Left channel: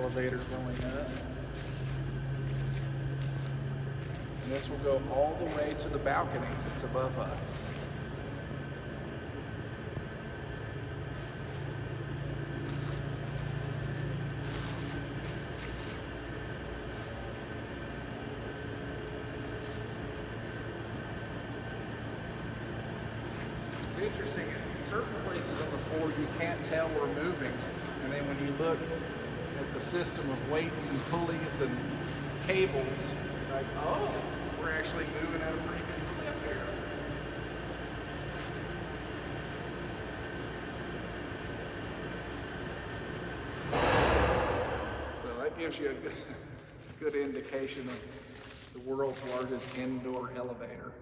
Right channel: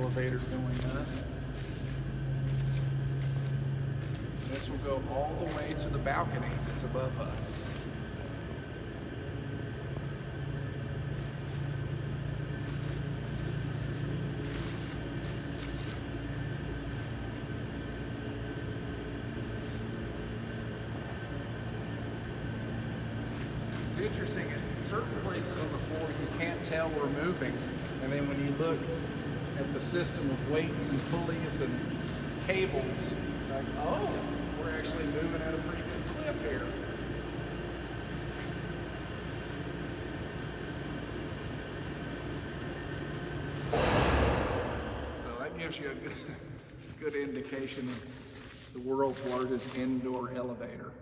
elevator. This will go all the way to the balcony that's above us. It's interesting. In certain places on the floor you can't tell we're moving, and then when you look at the system of weights and pulleys and cables, like, oh, we're actually moving over up there. So that gives you a good indication of the world's largest indoor elevator.